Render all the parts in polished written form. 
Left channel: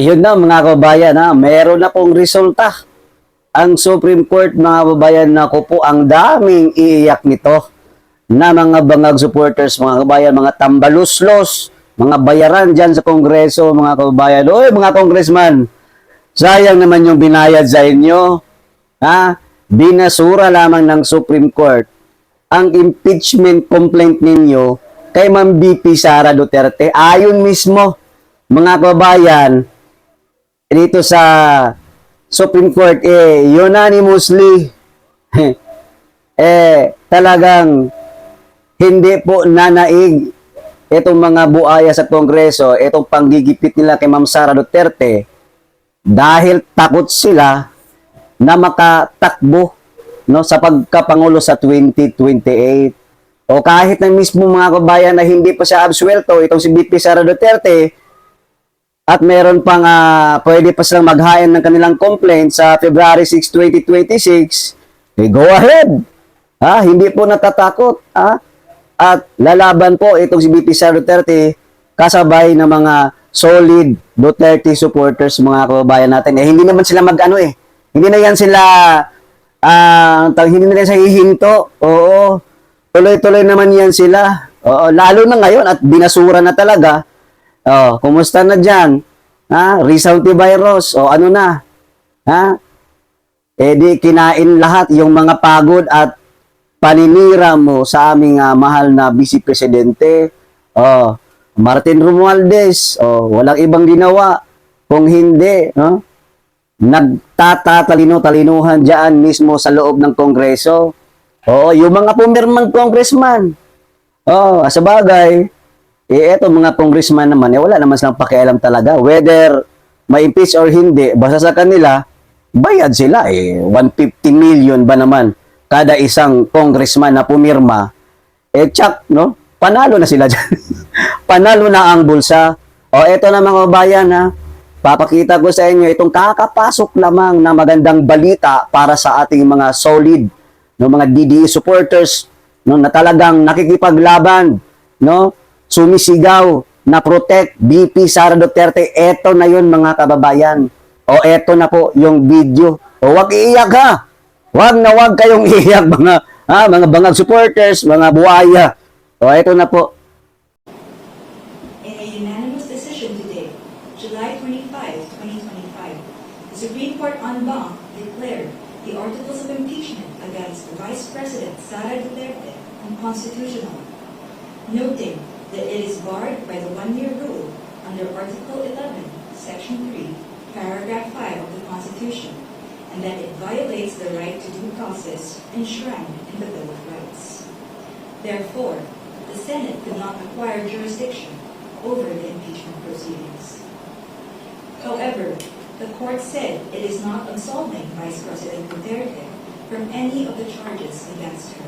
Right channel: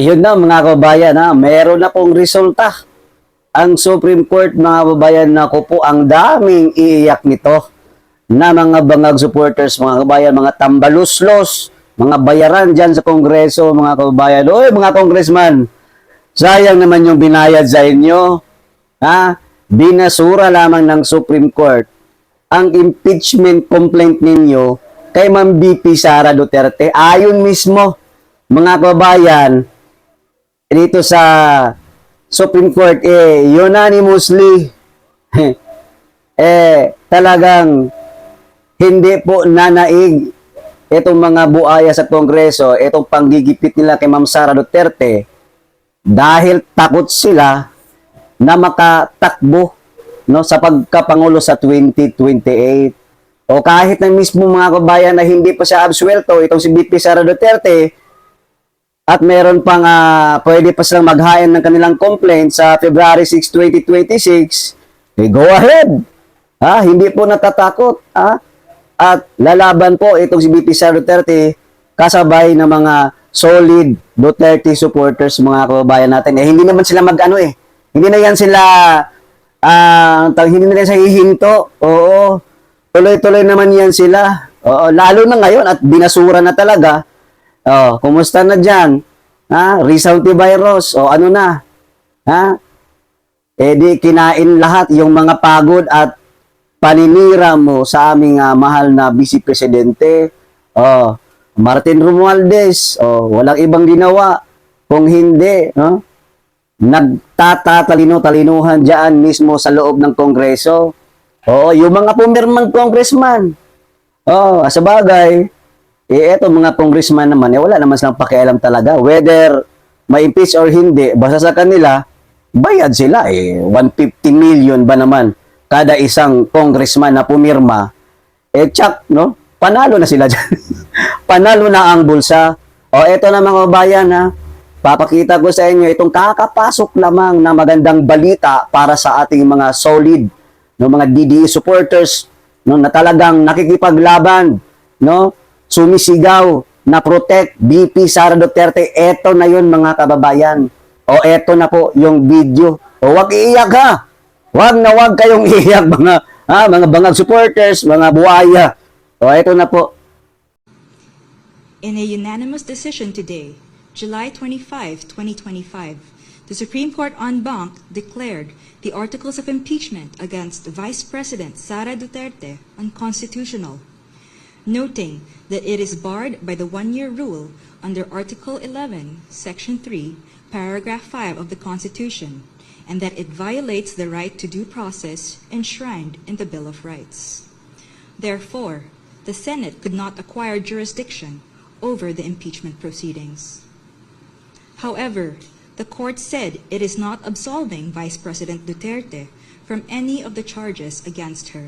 Yun na mga kababayan, meron na pong resulta. Ang Supreme Court, mga kababayan, na po ang daming iiyak nito na mga bangag supporters, mga kababayan, mga tambaluslos, mga bayaran dyan sa Kongreso, mga kababayan. Oy, mga congressman, sayang naman yung binayad sa inyo. Binasura lamang ng Supreme Court ang impeachment complaint ninyo kay Ma'am BP Sara Duterte. Ayon mismo, mga kababayan, dito sa Supreme Court, unanimously, talagang hindi po nanaig itong mga buaya sa Kongreso, itong panggigipit nila kay Ma'am Sara Duterte, dahil takot sila na makatakbo, no, sa pagkapangulo sa 2028. O kahit na mismo mga kabayan na hindi pa siya absuelto, itong si BP Sara Duterte, at meron pang pwede pa silang maghain ng kanilang complaint sa February 6, 2026, go ahead. Hindi po natatakot. At lalaban po itong si BP Sara Duterte kasabay ng mga solid Duterte supporters, mga kababayan natin. Hindi naman sila hindi na yan sila hindi na yan sa hihinto. Oo. Tuloy-tuloy naman yan sila. Oo, lalo na ngayon at binasura na talaga. Kumusta na dyan? Rizal Virus. Ano na? Di kinain lahat yung mga pagod at paninira mo sa aming mahal na Vice Presidente. Martin Romualdez. Walang ibang ginawa. Kung hindi, nagtatatalino-talinuhan dyan mismo sa loob ng Kongreso. Yung mga pumirmang congressman. Sa bagay, eto mga congressman naman, wala naman silang pakialam talaga. Whether ma-impeach or hindi, basta sa kanila, bayad sila 150 million ba naman kada isang congressman na pumirma. Tsak, no? Panalo na sila dyan. Panalo na ang bulsa. Eto na mga bayan, papakita ko sa inyo itong kakapasok lamang na magandang balita para sa ating mga solid, no, mga DDE supporters, no, na talagang nakikipaglaban, no, sumisigaw na protect BP Sara Duterte. Eto na yun mga kababayan. Eto na po yung video. Wag iiyak ha. Wag na wag kayong iiyak mga bangag supporters, mga buhaya. Eto na po. In a unanimous decision today, July 25, 2025, the Supreme Court en banc declared the articles of impeachment against Vice President Sara Duterte unconstitutional, noting that it is barred by the one-year rule under Article 11, Section 3, Paragraph 5 of the Constitution, and that it violates the right to due process enshrined in the Bill of Rights. Therefore, the Senate could not acquire jurisdiction over the impeachment proceedings. However, the court said it is not absolving Vice President Duterte from any of the charges against her.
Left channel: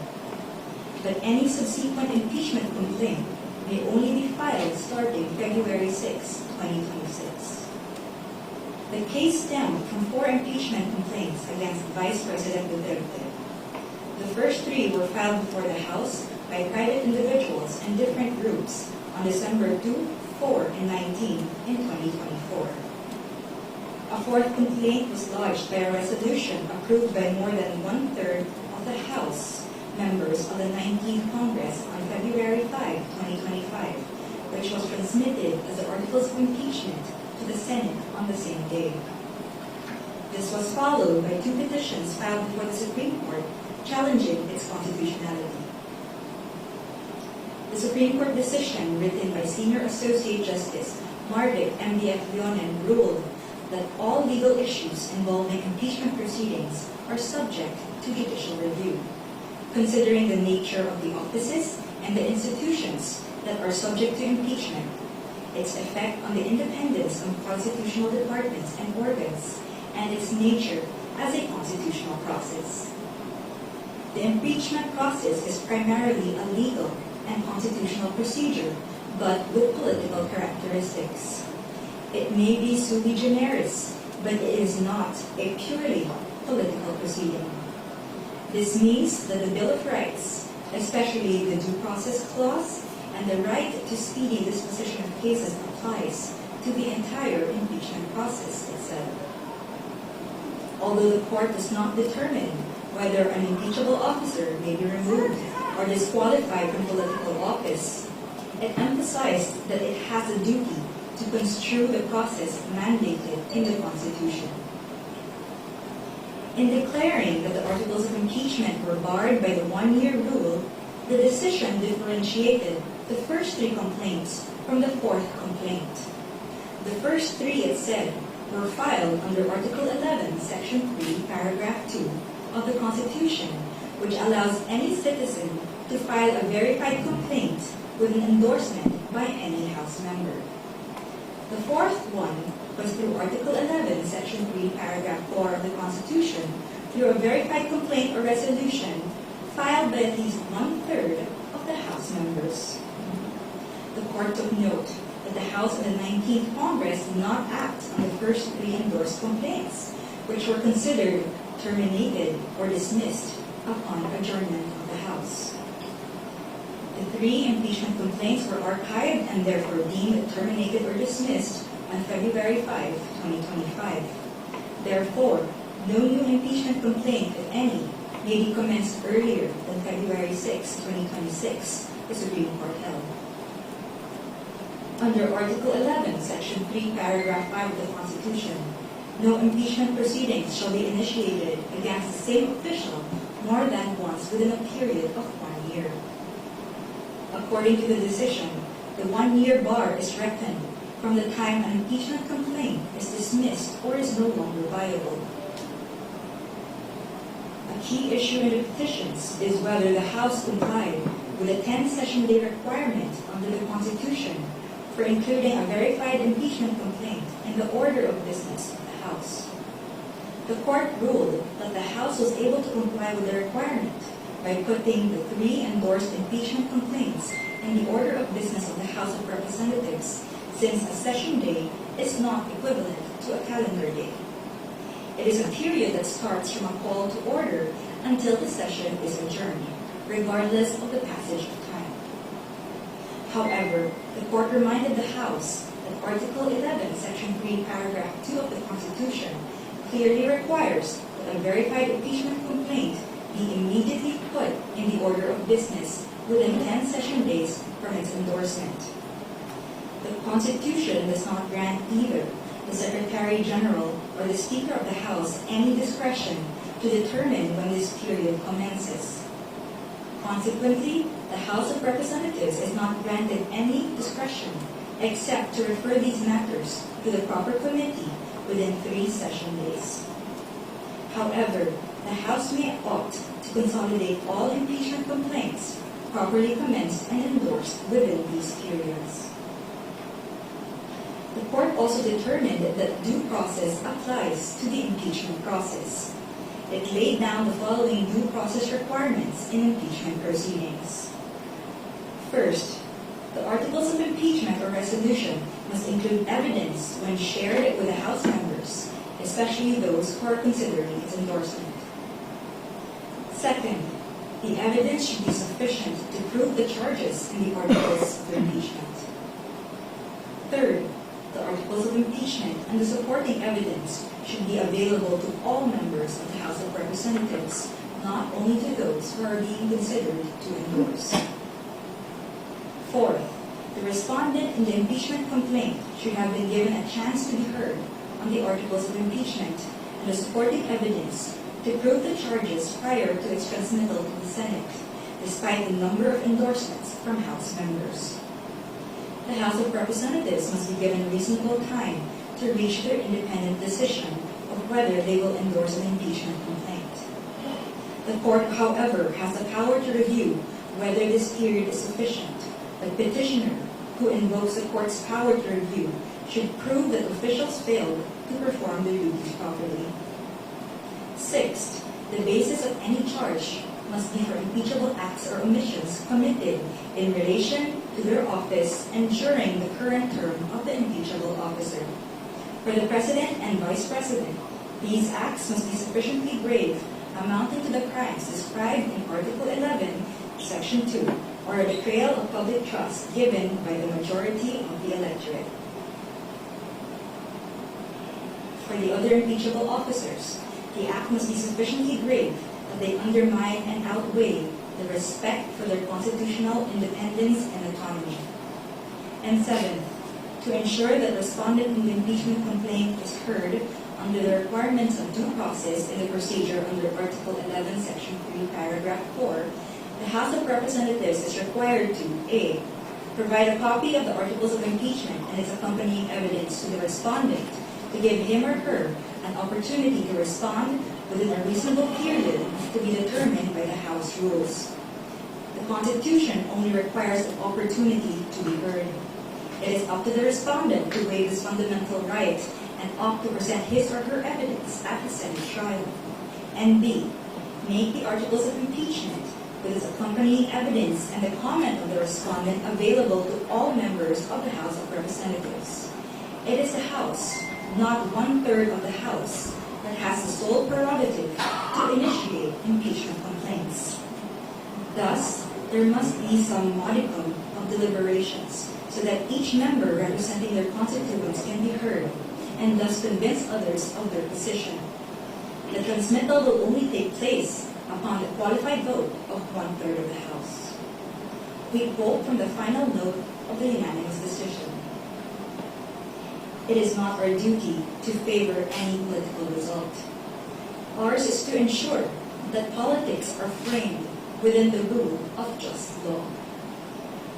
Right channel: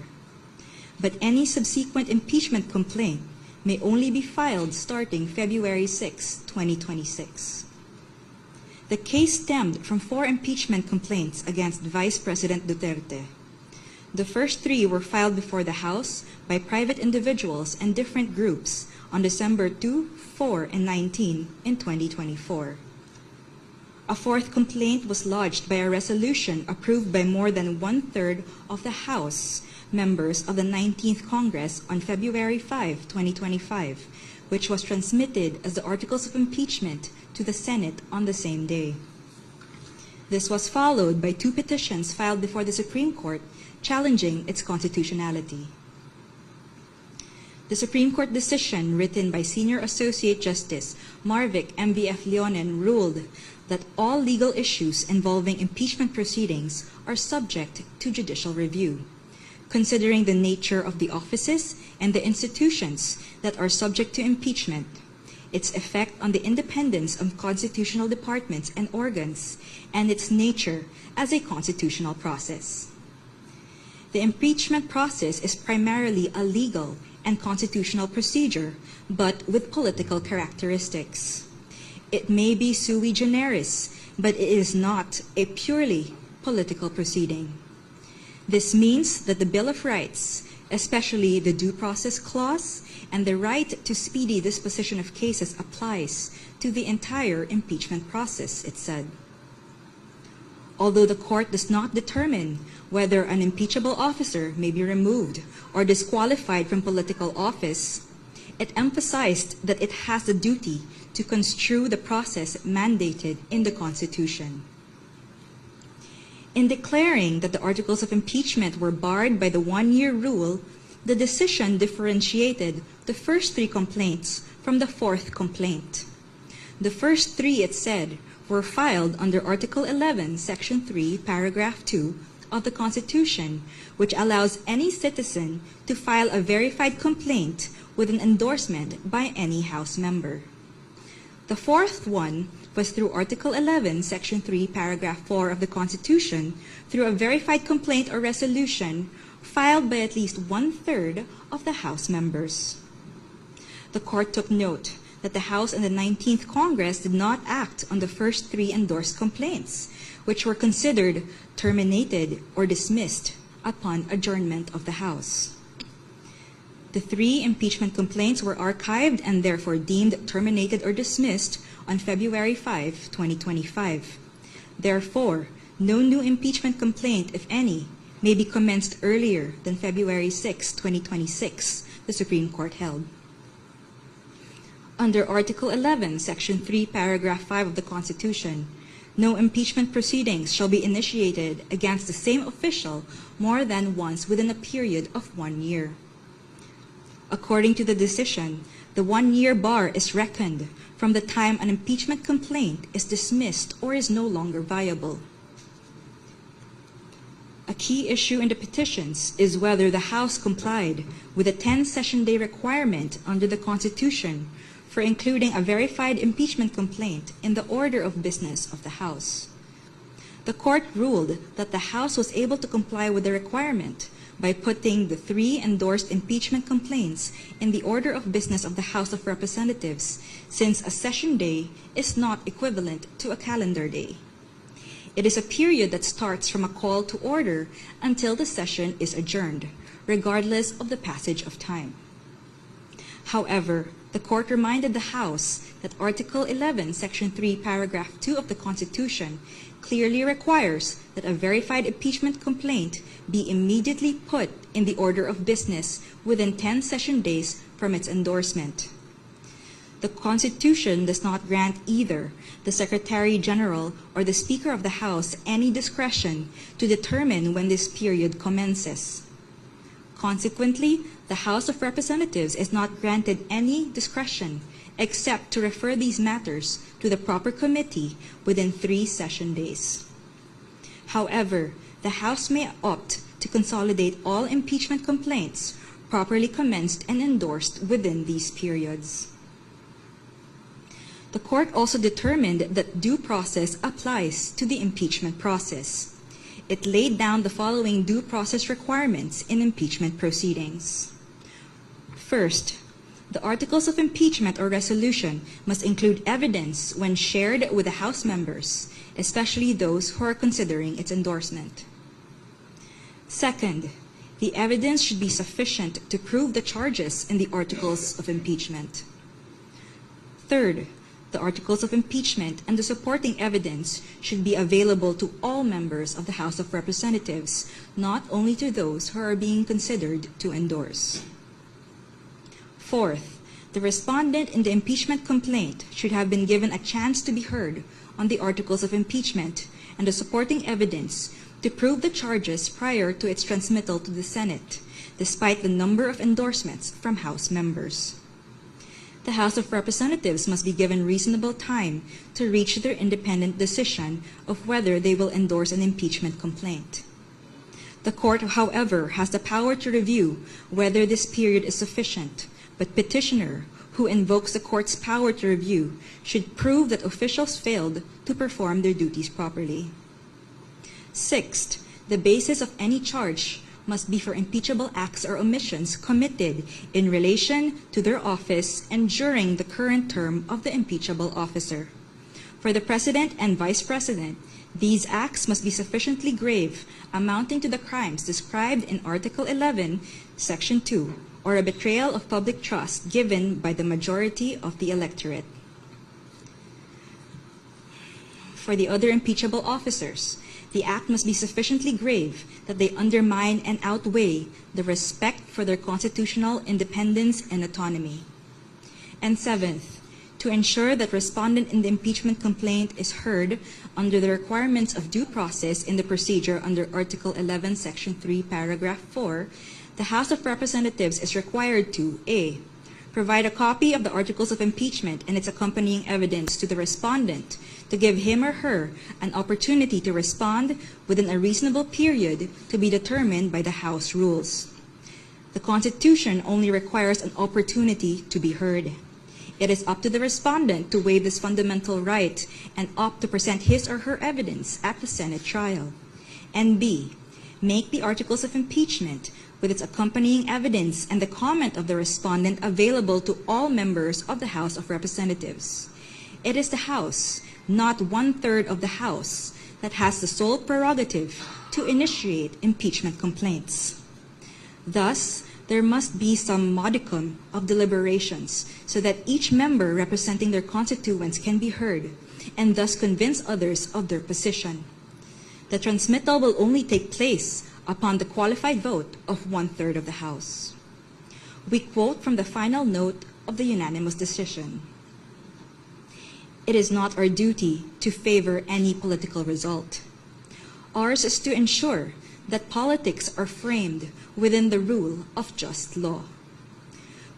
But any subsequent impeachment complaint may only be filed starting February 6, 2026. The case stemmed from 4 impeachment complaints against Vice President Duterte. The first 3 were filed before the House by private individuals and different groups on December 2, 4, and 19 in 2024. A 4th complaint was lodged by a resolution approved by more than 1/3 of the House members of the 19th Congress on February 5, 2025, which was transmitted as the Articles of Impeachment to the Senate on the same day. This was followed by 2 petitions filed before the Supreme Court challenging its constitutionality. The Supreme Court decision, written by Senior Associate Justice Marvic M.B.F. Leonen, ruled that all legal issues involving impeachment proceedings are subject to judicial review, considering the nature of the offices and the institutions that are subject to impeachment, its effect on the independence of constitutional departments and organs, and its nature as a constitutional process. The impeachment process is primarily a legal and constitutional procedure, but with political characteristics. It may be sui generis, but it is not a purely political proceeding. This means that the Bill of Rights, especially the Due Process Clause and the right to speedy disposition of cases, applies to the entire impeachment process, it said. Although the court does not determine whether an impeachable officer may be removed or disqualified from political office, it emphasized that it has the duty to construe the process mandated in the Constitution. In declaring that the articles of impeachment were barred by the one-year rule, the decision differentiated the first three complaints from the fourth complaint. The first three, it said, were filed under Article 11, Section 3, Paragraph 2 of the Constitution, which allows any citizen to file a verified complaint with an endorsement by any House member. The fourth one was through Article 11, Section 3, Paragraph 4 of the Constitution, through a verified complaint or resolution filed by at least one-third of the House members. The court took note that the House and the 19th Congress did not act on the first three endorsed complaints, which were considered terminated or dismissed upon adjournment of the House. The three impeachment complaints were archived and therefore deemed terminated or dismissed on February 5, 2025. Therefore, no new impeachment complaint, if any, may be commenced earlier than February 6, 2026, the Supreme Court held. Under Article 11, Section 3, Paragraph 5 of the Constitution, no impeachment proceedings shall be initiated against the same official more than once within a period of 1 year. According to the decision, the one-year bar is reckoned from the time an impeachment complaint is dismissed or is no longer viable. A key issue in the petitions is whether the House complied with the 10-session day requirement under the Constitution for including a verified impeachment complaint in the order of business of the House. The court ruled that the House was able to comply with the requirement by putting the three endorsed impeachment complaints in the order of business of the House of Representatives, since a session day is not equivalent to a calendar day. It is a period that starts from a call to order until the session is adjourned, regardless of the passage of time. However, the court reminded the House that Article 11, Section 3, Paragraph 2 of the Constitution clearly requires that a verified impeachment complaint be immediately put in the order of business within 10 session days from its endorsement. The Constitution does not grant either the Secretary General or the Speaker of the House any discretion to determine when this period commences. Consequently, the House of Representatives is not granted any discretion except to refer these matters to the proper committee within 3 session days. However, the House may opt to consolidate all impeachment complaints properly commenced and endorsed within these periods. The court also determined that due process applies to the impeachment process. It laid down the following due process requirements in impeachment proceedings. First, the articles of impeachment or resolution must include evidence when shared with the House members, especially those who are considering its endorsement. Second, the evidence should be sufficient to prove the charges in the articles of impeachment. Third, the articles of impeachment and the supporting evidence should be available to all members of the House of Representatives, not only to those who are being considered to endorse. Fourth, the respondent in the impeachment complaint should have been given a chance to be heard on the articles of impeachment and the supporting evidence to prove the charges prior to its transmittal to the Senate, despite the number of endorsements from House members. The House of Representatives must be given reasonable time to reach their independent decision of whether they will endorse an impeachment complaint. The court, however, has the power to review whether this period is sufficient, but petitioner, who invokes the court's power to review, should prove that officials failed to perform their duties properly. Sixth, the basis of any charge must be for impeachable acts or omissions committed in relation to their office and during the current term of the impeachable officer. For the President and Vice President, these acts must be sufficiently grave, amounting to the crimes described in Article 11, Section 2, or a betrayal of public trust given by the majority of the electorate. for the other impeachable officers, the act must be sufficiently grave that they undermine and outweigh the respect for their constitutional independence and autonomy. And seventh, to ensure that respondent in the impeachment complaint is heard under the requirements of due process in the procedure under Article 11, Section 3, Paragraph 4, the House of Representatives is required to A. Provide a copy of the articles of impeachment and its accompanying evidence to the respondent to give him or her an opportunity to respond within a reasonable period to be determined by the House rules. The Constitution only requires an opportunity to be heard. It is up to the respondent to waive this fundamental right and opt to present his or her evidence at the Senate trial. And B. Make the articles of impeachment with its accompanying evidence and the comment of the respondent available to all members of the House of Representatives. It is the House, not 1/3 of the House, that has the sole prerogative to initiate impeachment complaints. Thus, there must be some modicum of deliberations so that each member representing their constituents can be heard and thus convince others of their position. The transmittal will only take place upon the qualified vote of 1/3 of the House. We quote from the final note of the unanimous decision. It is not our duty to favor any political result. Ours is to ensure that politics are framed within the rule of just law.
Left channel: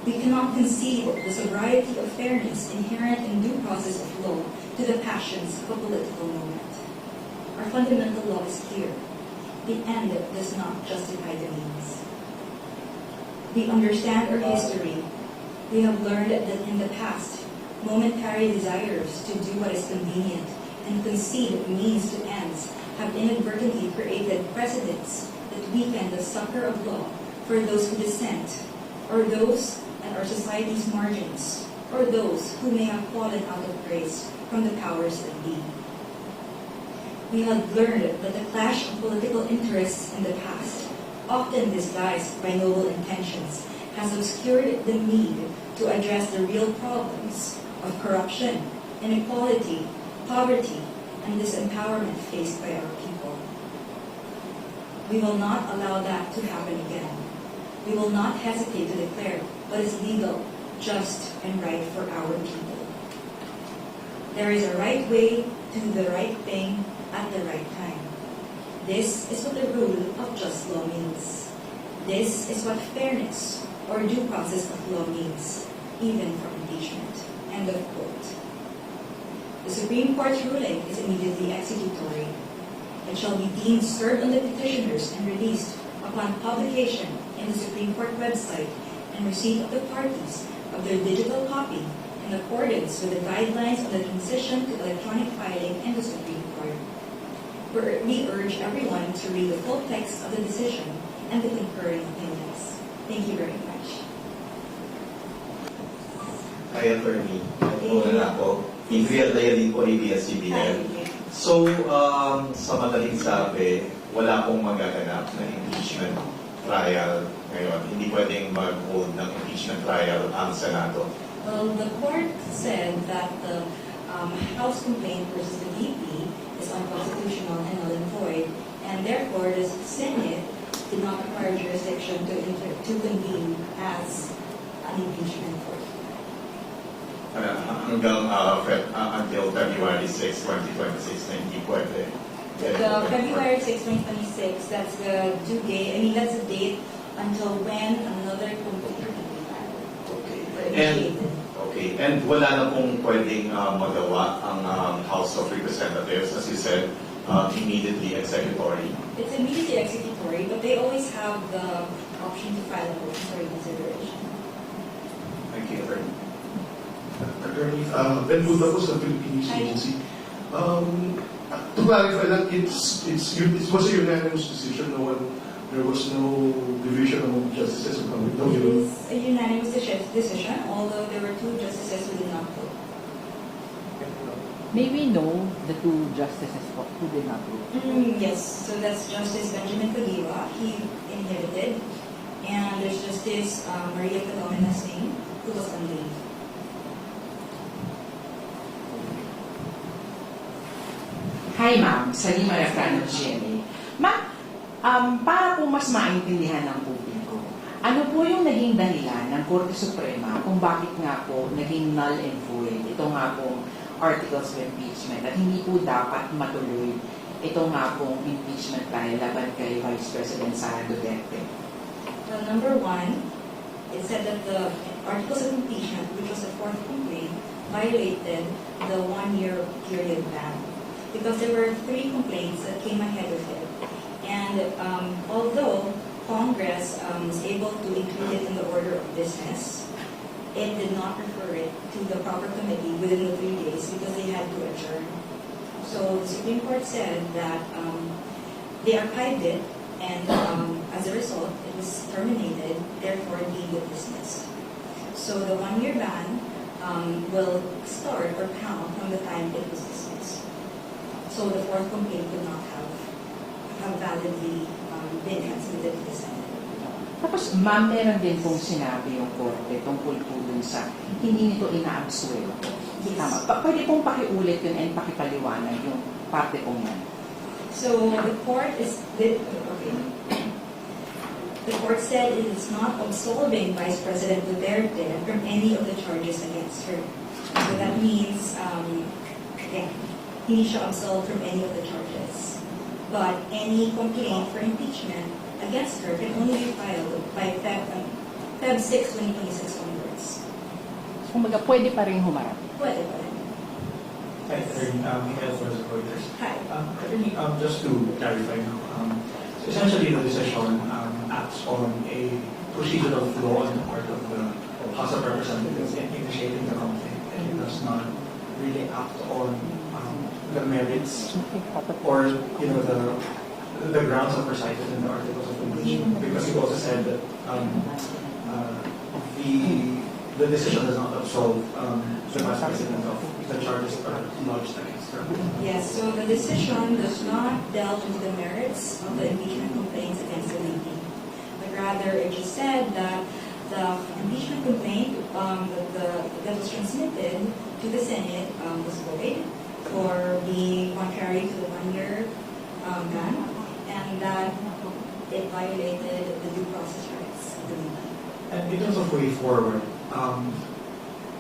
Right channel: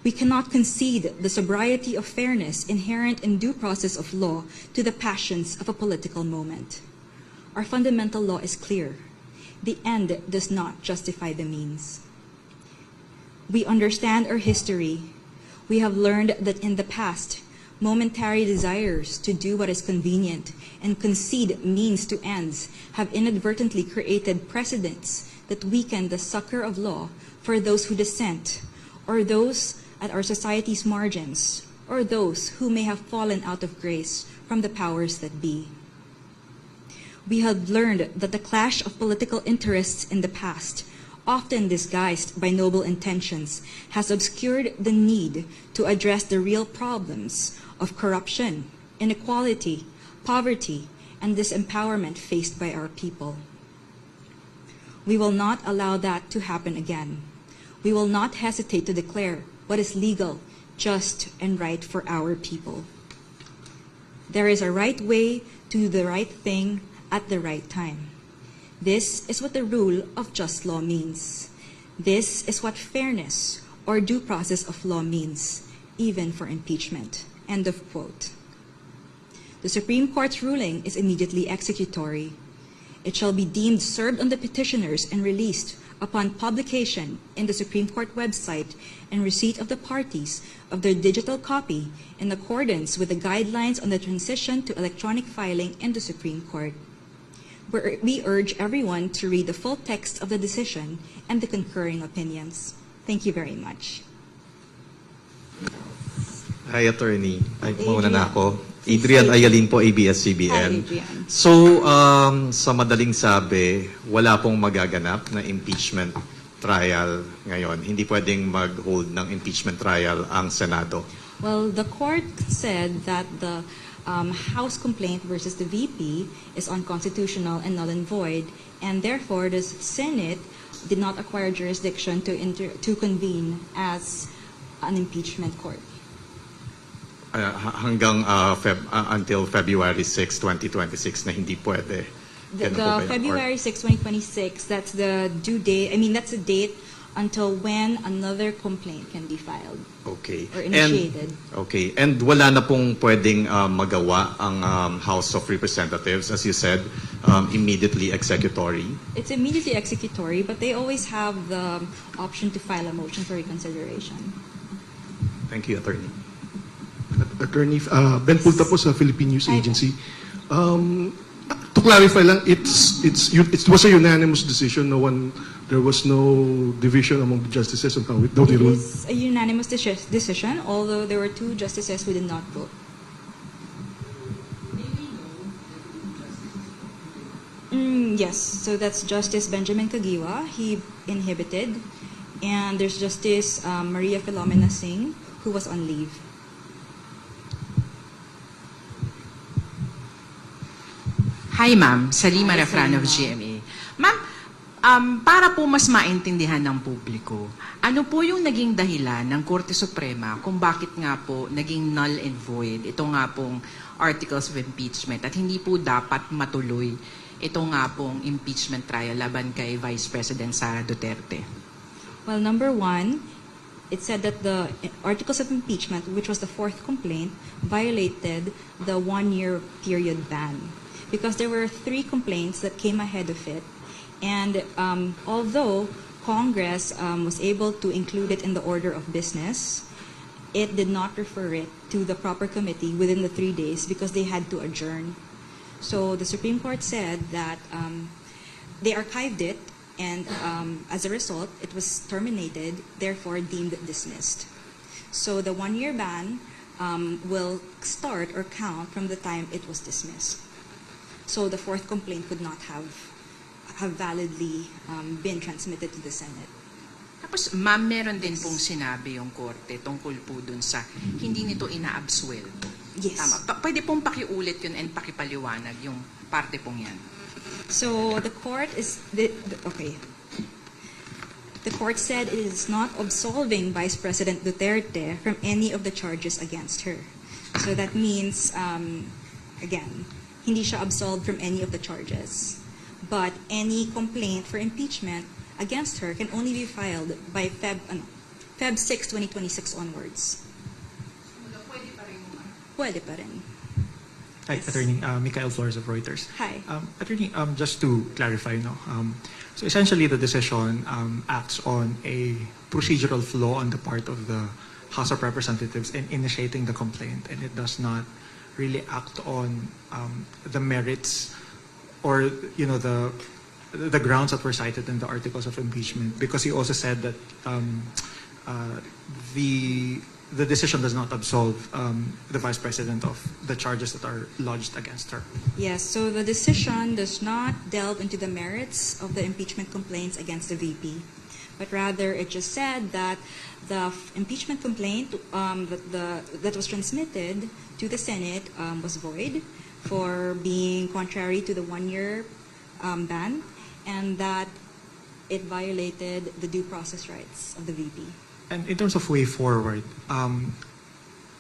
We cannot concede the sobriety of fairness inherent in due process of law to the passions of a political moment. Our fundamental law is clear. The end does not justify the means. We understand our history. We have learned that in the past, momentary desires to do what is convenient and concede means to ends have inadvertently created precedents that weaken the succor of law for those who dissent, or those at our society's margins, or those who may have fallen out of grace from the powers that be. We have learned that the clash of political interests in the past, often disguised by noble intentions, has obscured the need to address the real problems of corruption, inequality, poverty, and disempowerment faced by our people. We will not allow that to happen again. We will not hesitate to declare what is legal, just, and right for our people. There is a right way to do the right thing at the right time. This is what the rule of just law means. This is what fairness or due process of law means, even for impeachment." End of quote. The Supreme Court's ruling is immediately executory. It shall be deemed served on the petitioners and released upon publication in the Supreme Court website and receipt of the parties of their digital copy in accordance with the guidelines on the transition to electronic filing in the Supreme Court. We urge everyone to read the full text of the decision and the concurring opinions. Thank you very much. Hi, Attorney. Muna na ako. Adrian Ayalin po, ABS-CBN. Hi, Adrian. So, sa madaling sabi, wala pong magaganap na impeachment trial ngayon. Hindi pwedeng mag-hold ng impeachment trial ang Senado. Well, the court said that the House complaint versus the VP is unconstitutional and null and void, and therefore the Senate did not acquire jurisdiction to convene as an impeachment court. Hanggang until February 6, 2026 na hindi pwede. The February 6, 2026, that's the due date. I mean, that's the date until when another complaint can be filed Okay. or initiated. And wala na pong pwedeng magawa ang House of Representatives, as you said, immediately executory. It's immediately executory, but they always have the option to file a motion for reconsideration. Thank you, Attorney. Attorney, Ben Punta po sa Philippine News Hi. Agency. To clarify lang, it was a unanimous decision. There was no division among the justices of how they ruled. It's a unanimous decision, although there were two justices who did not vote. May we know the two justices who did not vote? Yes, so that's Justice Benjamin Kagiwa, he inhibited, and there's Justice Maria Philomena Singh, who was on leave. Hi ma'am, Salima Refran of GMA. Ma'am, para po mas maintindihan ng publiko, ano po yung naging dahilan ng Korte Suprema kung bakit nga po naging null and void ito nga pong articles of impeachment at hindi po dapat matuloy ito nga pong impeachment trial laban kay Vice President Sara Duterte? Well, number one, it said that the articles of impeachment, which was the fourth complaint, violated the 1-year period ban because there were 3 complaints that came ahead of it. And although Congress was able to include it in the order of business, it did not refer it to the proper committee within the 3 days because they had to adjourn. So the Supreme Court said that they archived it, and as a result, it was terminated, therefore deemed dismissed. So the 1-year ban will start or count from the time it was dismissed. So the fourth complaint could not have validly been transmitted to the Senate. Tapos ma'am, meron din pong sinabi yung Korte tungkol po dun sa hindi nito ina-absuelto. Yes. Tama. Pwede pong pakiulit yun and pakipaliwanag yung parte pong yan. So the court said it is not absolving Vice President Duterte from any of the charges against her. So that means, again, hindi siya absolved from any of the charges. But any complaint for impeachment against her can only be filed by Feb 6, 2026 onwards. Kumaga, pwede pa rin humarap. Pwede pa rin. Hi, Attorney Michael Flores of Reuters. Hi. Attorney, just to clarify, so essentially the decision acts on a procedural flaw on the part of the House of Representatives in initiating the complaint, and it does not really act on the merits or the grounds that were cited in the articles of impeachment, because he also said that the decision does not absolve the Vice President of the charges that are lodged against her. Yes, so the decision does not delve into the merits of the impeachment complaints against the VP, but rather it just said that the impeachment complaint that was transmitted to the Senate was void for being contrary to the 1-year ban, and that it violated the due process rights of the VP. And in terms of way forward,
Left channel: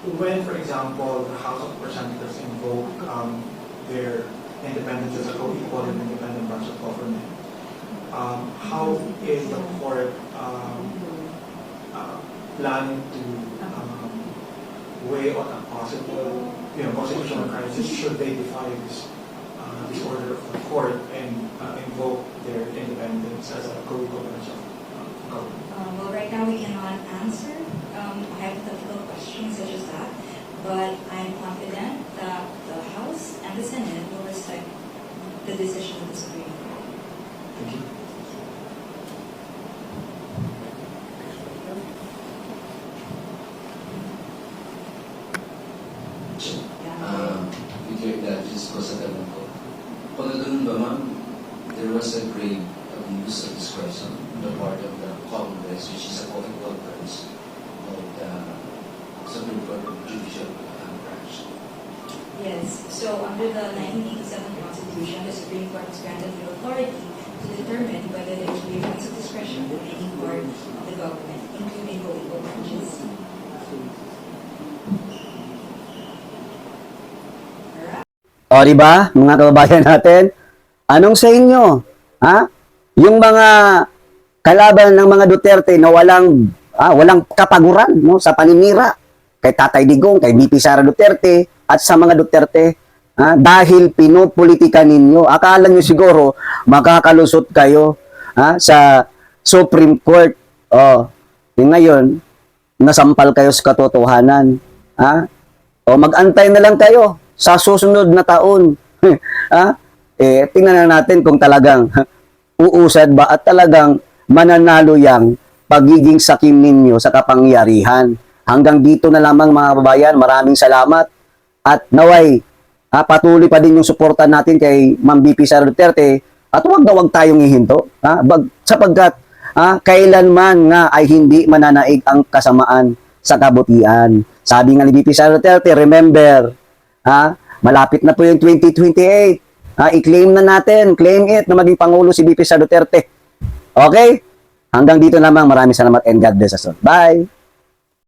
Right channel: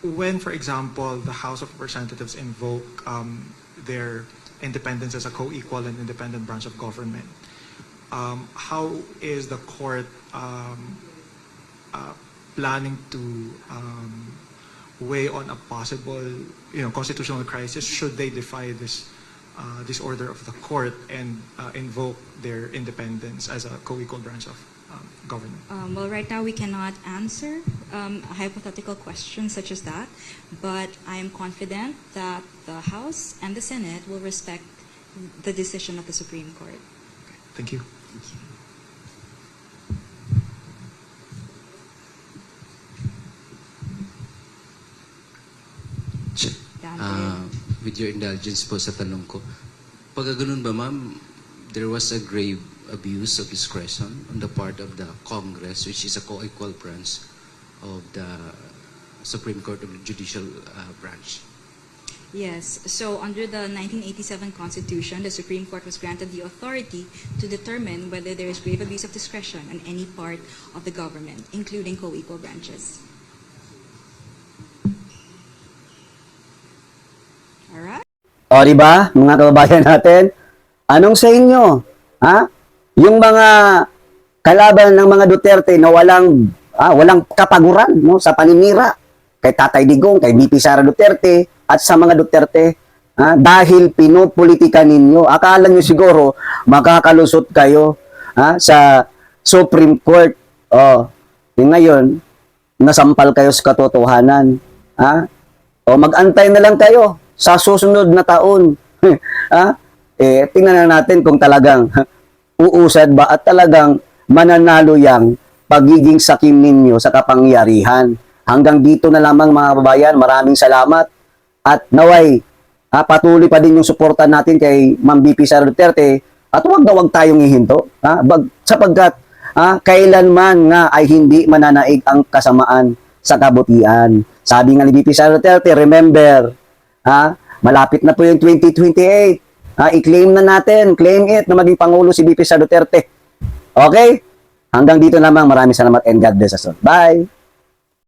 when, for example, the House of Representatives invoke their independence as a co-equal and independent branch of government, how is the court planning to weigh on a possible, constitutional crisis should they defy this order of the court and invoke their independence as a co-equal branch of government? Well, right now we cannot answer a hypothetical question such as that, but I am confident that the House and the Senate will respect the decision of the Supreme Court. Thank you. With your indulgence po sa tanong ko, pag ganun ba ma'am, there was a grave abuse of discretion on the part of the Congress, which is a co-equal branch of the Supreme Court of the Judicial Branch. Yes, so under the 1987 Constitution, the Supreme Court was granted the authority to determine whether there is grave abuse of discretion in any part of the government, including co-equal branches. Alright? O, di ba, mga kababayan natin? Anong sa inyo? Ha? Yung mga kalaban ng mga Duterte na walang kapaguran, no, sa paninira kay Tatay Digong, kay VP Sara Duterte at sa mga Duterte, dahil pinopolitika ninyo. Akala nyo siguro makakalusot kayo sa Supreme Court. Ngayon, nasampal kayo sa katotohanan. Mag-antay na lang kayo sa susunod na taon. Tingnan na natin kung talagang uusad ba at talagang mananalo yang pagiging sakim ninyo sa kapangyarihan. Hanggang dito na lamang mga kababayan, maraming salamat at naway patuloy pa din yung suporta natin kay Ma'am VP Sara Duterte at huwag na huwag tayong ihinto sapagkat kailanman nga ay hindi mananaig ang kasamaan sa kabutihan. Sabi nga ni VP Sara Duterte, remember, malapit na po yung 2028. I-claim na natin, claim it na maging Pangulo si VP Sara Duterte. Okay? Hanggang dito lamang, maraming salamat and God bless us all. Bye!